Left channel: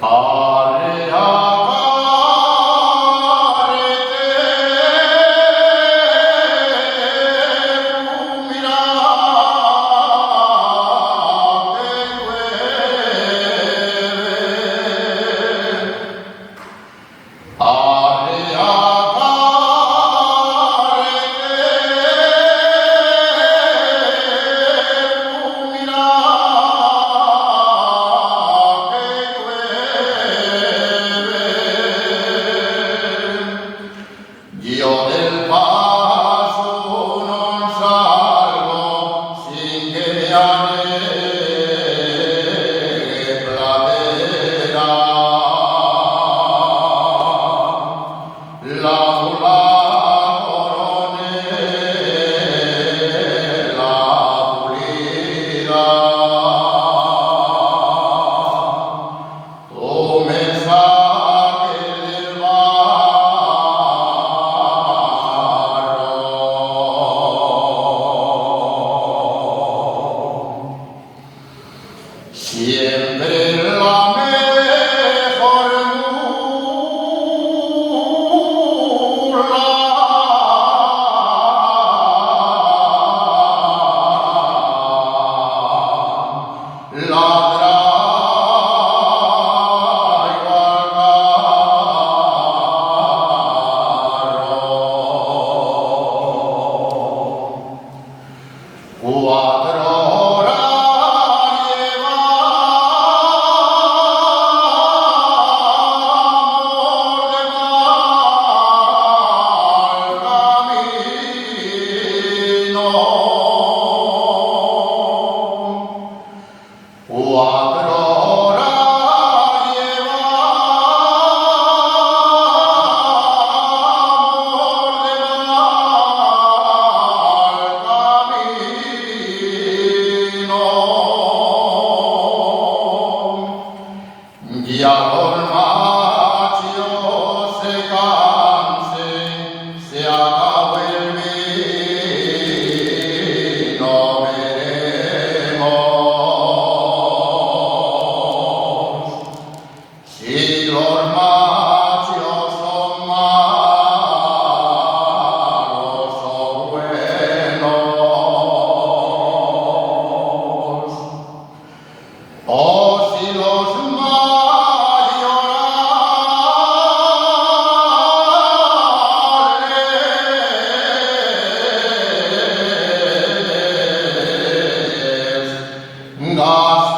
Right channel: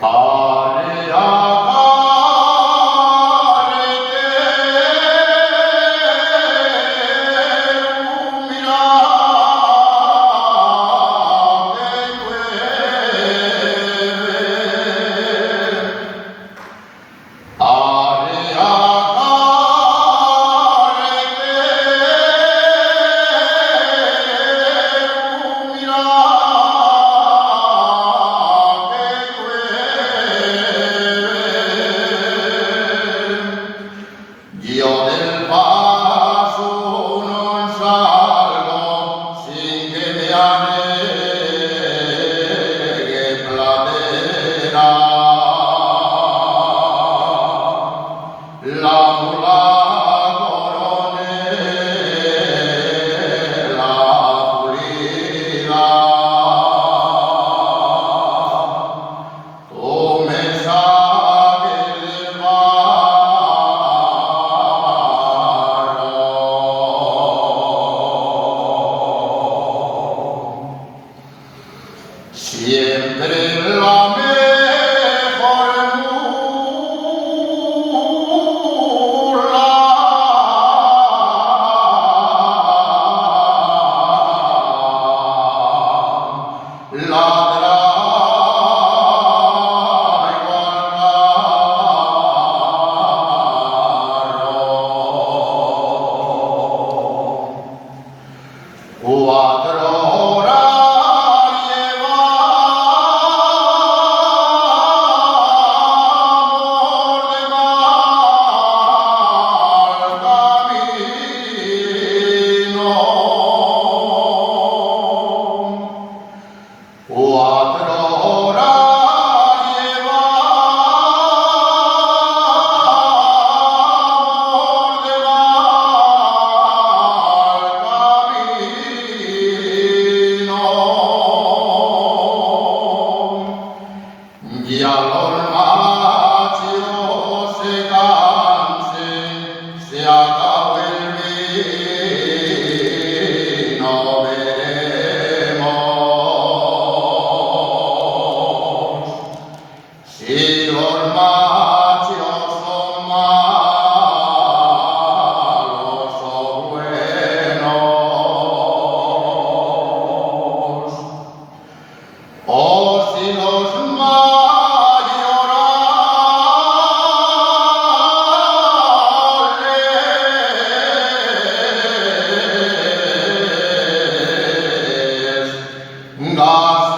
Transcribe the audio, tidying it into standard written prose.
Care Io del vaso non salgo sin che mi aneghe pladera. La coronela pulida. Tu me saques del siempre la mejor mula ladra igual carro. 4 horas y al macho se canse, se acabe el vino, veremos si los machos son malos o buenos, o si los God's